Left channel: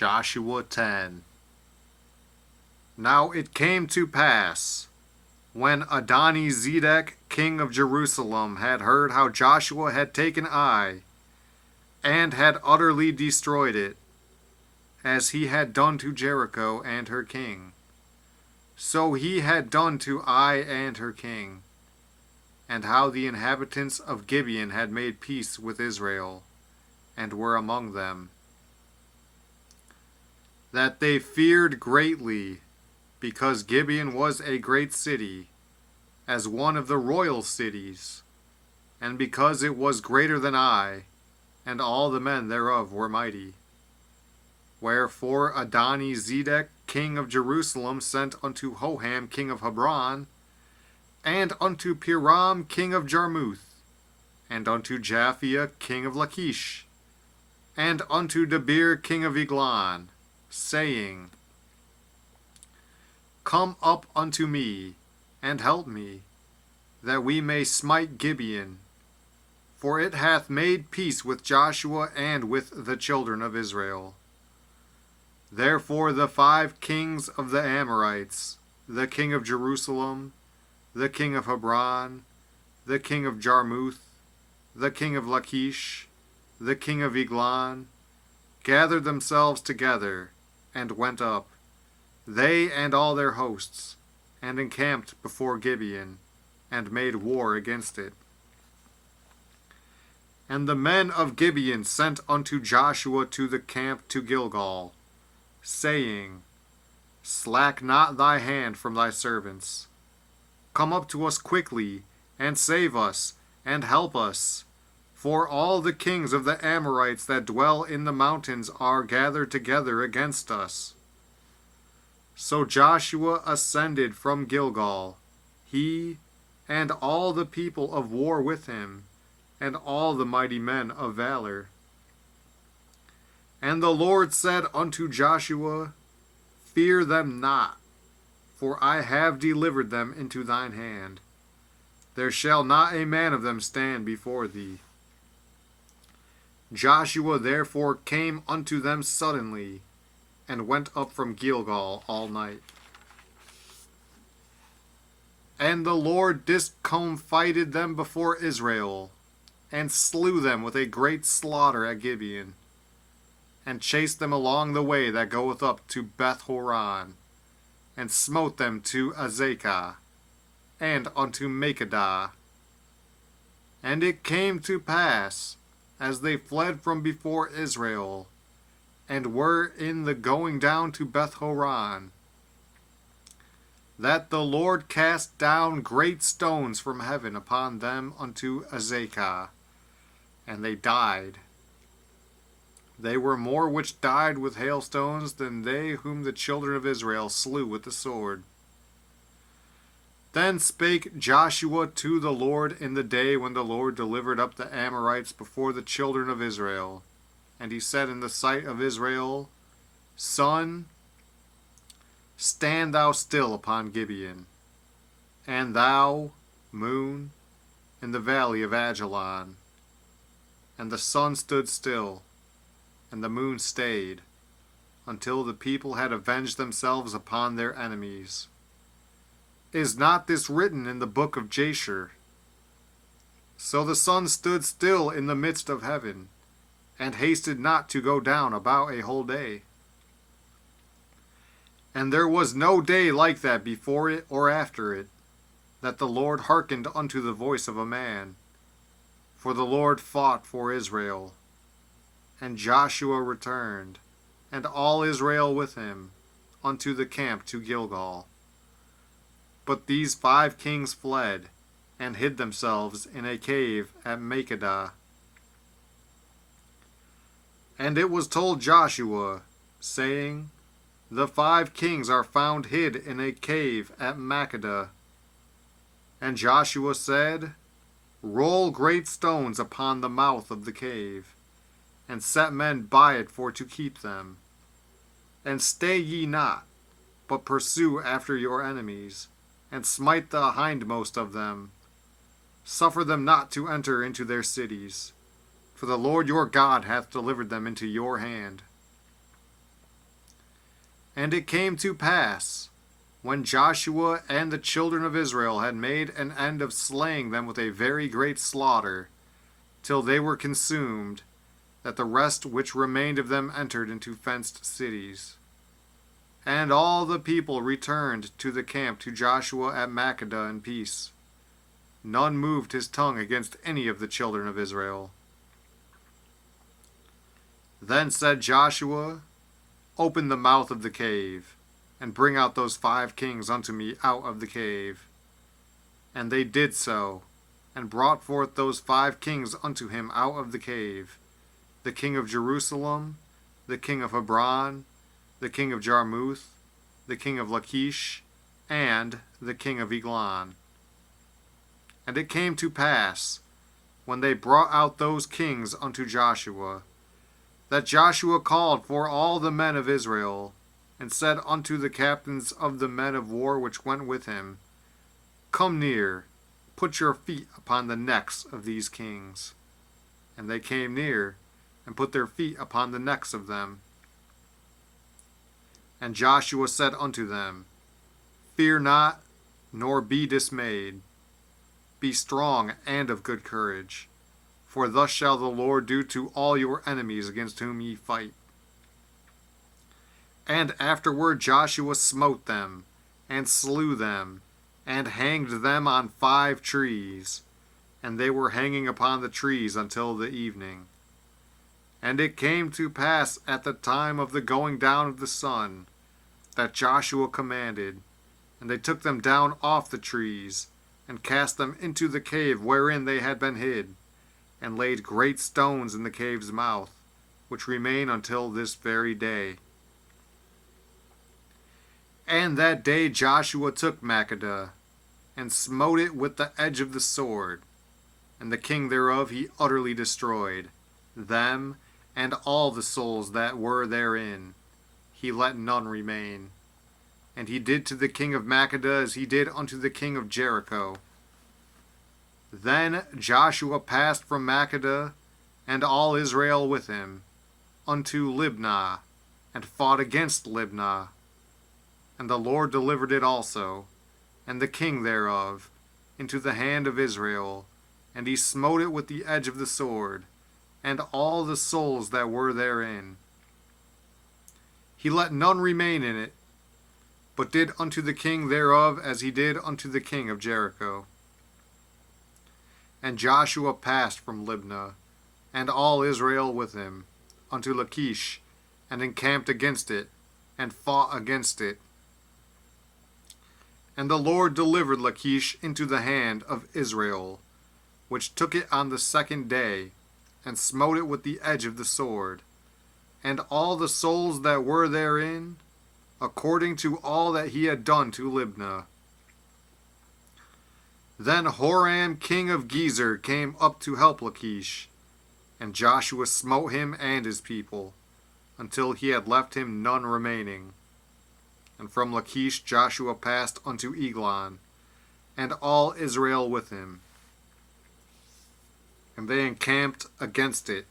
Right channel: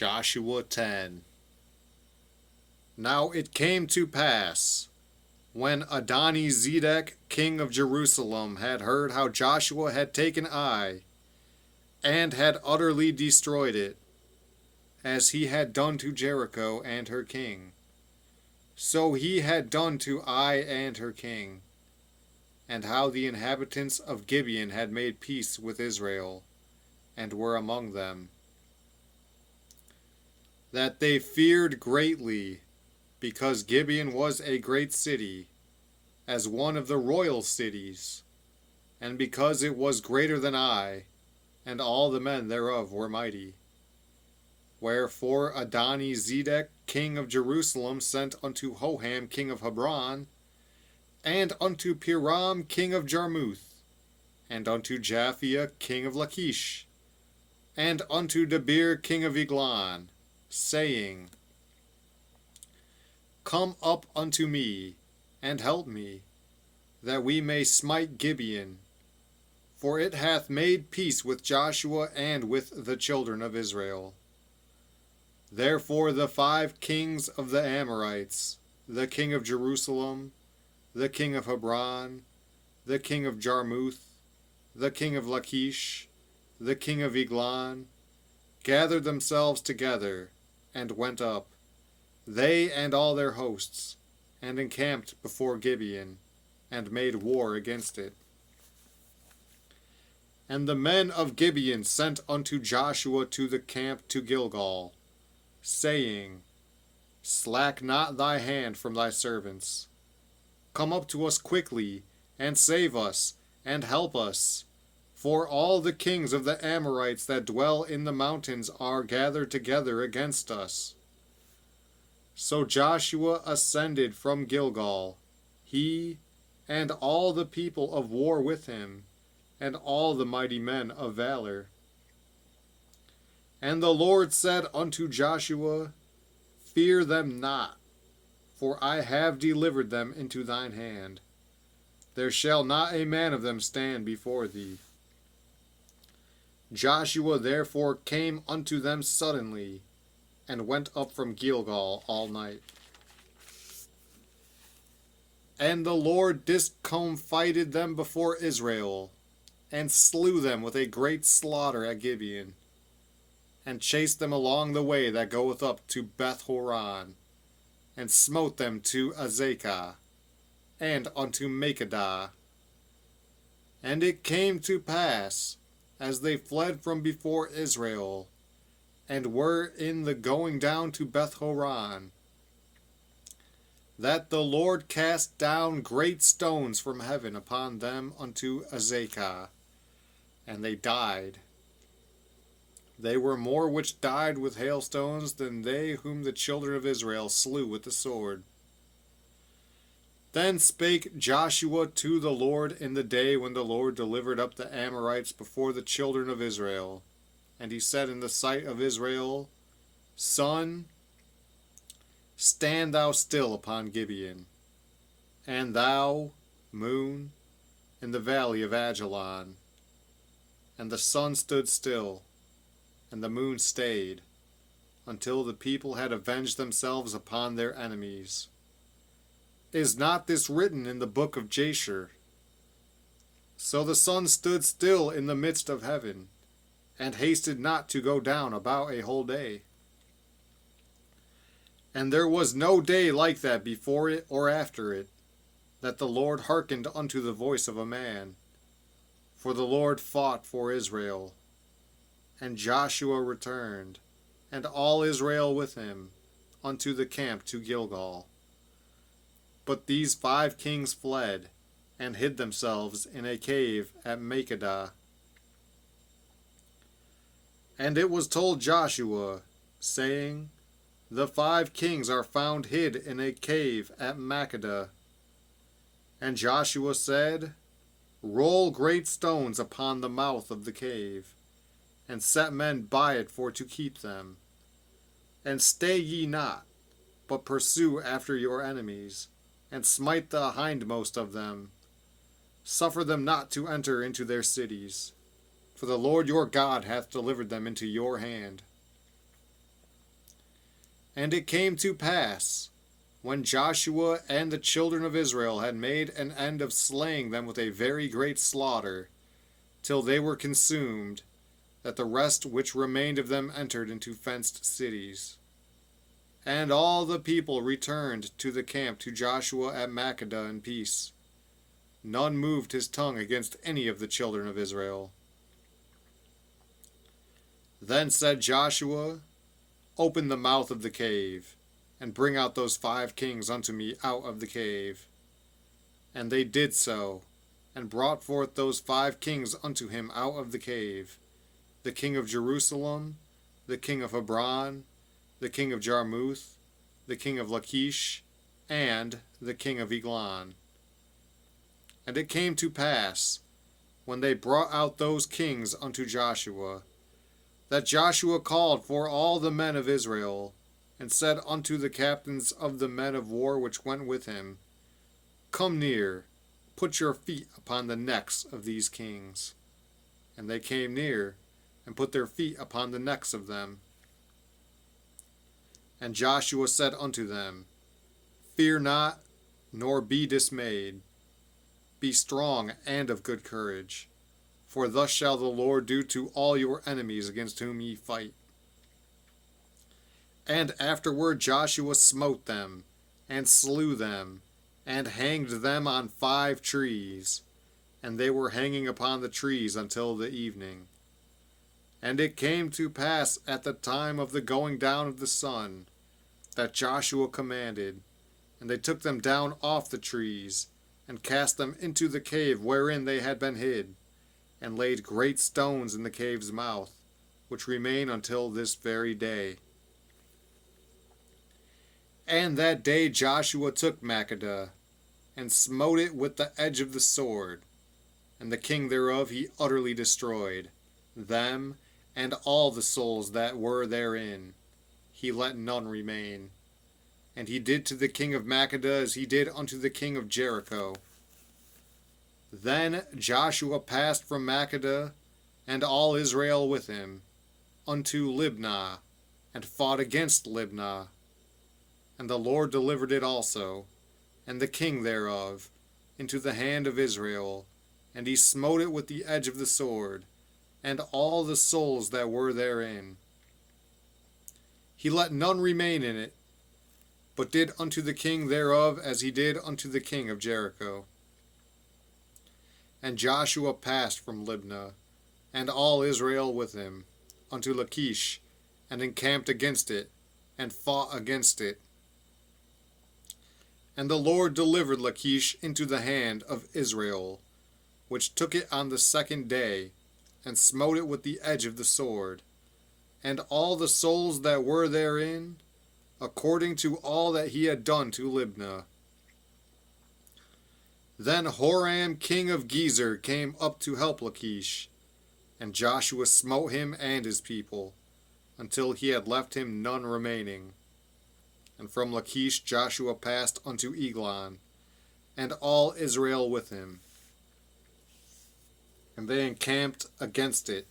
Joshua 10. Now it came to pass, when Adoni-Zedek, king of Jerusalem, had heard how Joshua had taken Ai, and had utterly destroyed it, as he had done to Jericho and her king, so he had done to Ai and her king, and how the inhabitants of Gibeon had made peace with Israel, and were among them, that they feared greatly, because Gibeon was a great city, as one of the royal cities, and because it was greater than Ai, and all the men thereof were mighty. Wherefore Adoni-Zedek, king of Jerusalem, sent unto Hoham, king of Hebron, and unto Piram, king of Jarmuth, and unto Japhia, king of Lachish, and unto Debir, king of Eglon, saying, Come up unto me, and help me, that we may smite Gibeon, for it hath made peace with Joshua and with the children of Israel. Therefore the 5 kings of the Amorites, the king of Jerusalem, the king of Hebron, the king of Jarmuth, the king of Lachish, the king of Eglon, gathered themselves together, and went up, they and all their hosts, and encamped before Gibeon, and made war against it. And the men of Gibeon sent unto Joshua to the camp to Gilgal, saying, Slack not thy hand from thy servants. Come up to us quickly, and save us, and help us. For all the kings of the Amorites that dwell in the mountains are gathered together against us. So Joshua ascended from Gilgal, he and all the people of war with him, and all the mighty men of valor. And the Lord said unto Joshua, Fear them not, for I have delivered them into thine hand. There shall not a man of them stand before thee. Joshua therefore came unto them suddenly, and went up from Gilgal all night. And the Lord discomfited them before Israel, and slew them with a great slaughter at Gibeon, and chased them along the way that goeth up to Beth-horon, and smote them to Azekah, and unto Makkedah. And it came to pass, as they fled from before Israel, and were in the going down to Beth-horon, that the Lord cast down great stones from heaven upon them unto Azekah, and they died. They were more which died with hailstones than they whom the children of Israel slew with the sword. Then spake Joshua to the Lord in the day when the Lord delivered up the Amorites before the children of Israel. And he said in the sight of Israel, Sun, stand thou still upon Gibeon, and thou, moon, in the valley of Ajalon. And the sun stood still, and the moon stayed, until the people had avenged themselves upon their enemies. Is not this written in the book of Jasher? So the sun stood still in the midst of heaven, and hasted not to go down about a whole day. And there was no day like that before it or after it, that the Lord hearkened unto the voice of a man. For the Lord fought for Israel. And Joshua returned, and all Israel with him, unto the camp to Gilgal. But these 5 kings fled, and hid themselves in a cave at Makkedah. And it was told Joshua, saying, The 5 kings are found hid in a cave at Makkedah. And Joshua said, Roll great stones upon the mouth of the cave, and set men by it for to keep them. And stay ye not, but pursue after your enemies, and smite the hindmost of them. Suffer them not to enter into their cities, for the Lord your God hath delivered them into your hand. And it came to pass, when Joshua and the children of Israel had made an end of slaying them with a very great slaughter, till they were consumed, that the rest which remained of them entered into fenced cities. And all the people returned to the camp to Joshua at Makkedah in peace. None moved his tongue against any of the children of Israel. Then said Joshua, Open the mouth of the cave, and bring out those 5 kings unto me out of the cave. And they did so, and brought forth those 5 kings unto him out of the cave, the king of Jerusalem, the king of Hebron, the king of Jarmuth, the king of Lachish, and the king of Eglon. And it came to pass, when they brought out those kings unto Joshua, that Joshua called for all the men of Israel, and said unto the captains of the men of war which went with him, Come near, put your feet upon the necks of these kings. And they came near, and put their feet upon the necks of them. And Joshua said unto them, Fear not, nor be dismayed. Be strong and of good courage, for thus shall the Lord do to all your enemies against whom ye fight. And afterward Joshua smote them, and slew them, and hanged them on 5 trees, and they were hanging upon the trees until the evening. And it came to pass at the time of the going down of the sun, that Joshua commanded, and they took them down off the trees, and cast them into the cave wherein they had been hid, and laid great stones in the cave's mouth, which remain until this very day. And that day Joshua took Makkedah, and smote it with the edge of the sword, and the king thereof he utterly destroyed, them and all the souls that were therein. He let none remain. And he did to the king of Makkedah as he did unto the king of Jericho. Then Joshua passed from Makkedah, and all Israel with him, unto Libnah, and fought against Libnah. And the Lord delivered it also, and the king thereof, into the hand of Israel, and he smote it with the edge of the sword, and all the souls that were therein. He let none remain in it, but did unto the king thereof as he did unto the king of Jericho. And Joshua passed from Libnah, and all Israel with him, unto Lachish, and encamped against it, and fought against it. And the Lord delivered Lachish into the hand of Israel, which took it on the 2nd day, and smote it with the edge of the sword, and all the souls that were therein, according to all that he had done to Libnah. Then Horam king of Gezer came up to help Lachish, and Joshua smote him and his people, until he had left him none remaining. And from Lachish Joshua passed unto Eglon, and all Israel with him. And they encamped against it,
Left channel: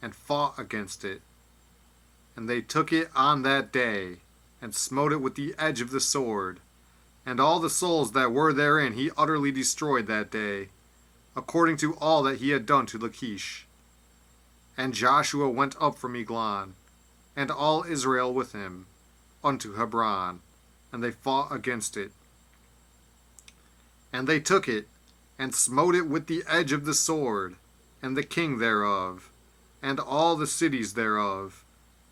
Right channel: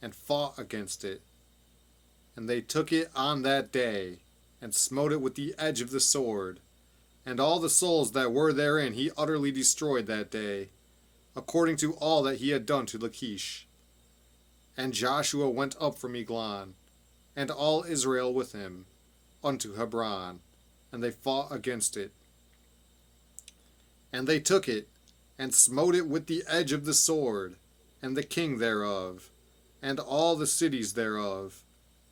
and fought against it. And they took it on that day, and smote it with the edge of the sword, and all the souls that were therein he utterly destroyed that day, according to all that he had done to Lachish. And Joshua went up from Eglon, and all Israel with him, unto Hebron, and they fought against it. And they took it, and smote it with the edge of the sword, and the king thereof, and all the cities thereof,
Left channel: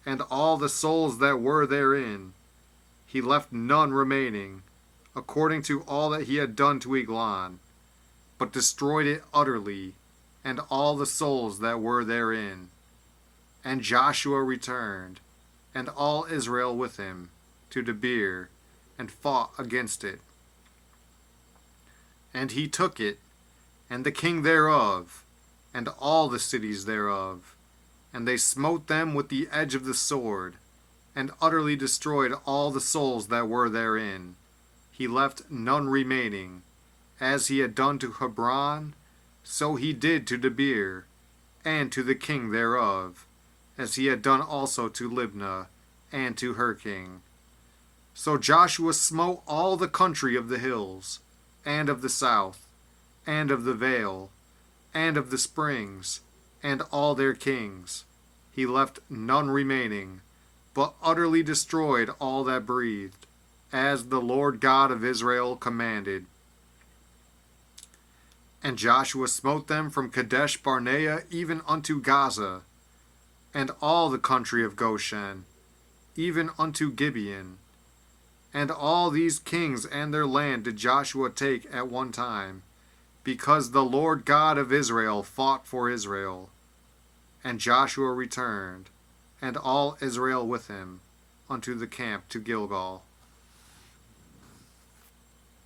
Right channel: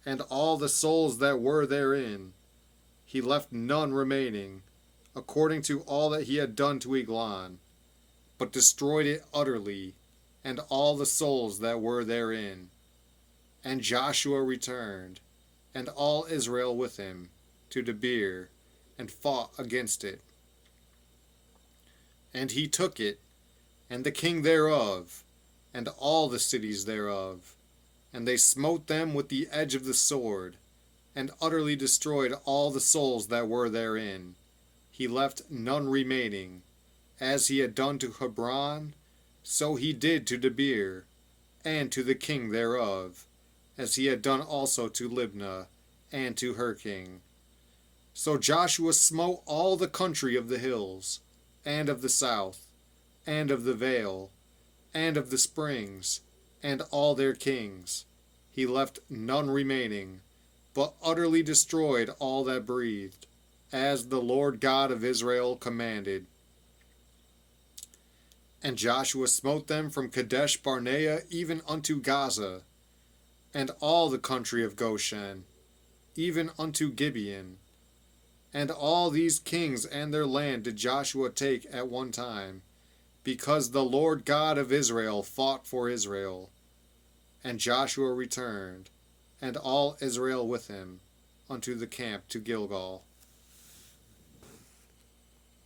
and all the souls that were therein. He left none remaining, according to all that he had done to Eglon, but destroyed it utterly, and all the souls that were therein. And Joshua returned, and all Israel with him, to Debir, and fought against it. And he took it, and the king thereof, and all the cities thereof, and they smote them with the edge of the sword, and utterly destroyed all the souls that were therein. He left none remaining. As he had done to Hebron, so he did to Debir, and to the king thereof, as he had done also to Libnah, and to her king. So Joshua smote all the country of the hills, and of the south, and of the vale, and of the springs, and all their kings. He left none remaining, but utterly destroyed all that breathed, as the Lord God of Israel commanded. And Joshua smote them from Kadesh Barnea even unto Gaza, and all the country of Goshen, even unto Gibeon. And all these kings and their land did Joshua take at one time, because the Lord God of Israel fought for Israel. And Joshua returned, and all Israel with him, unto the camp to Gilgal.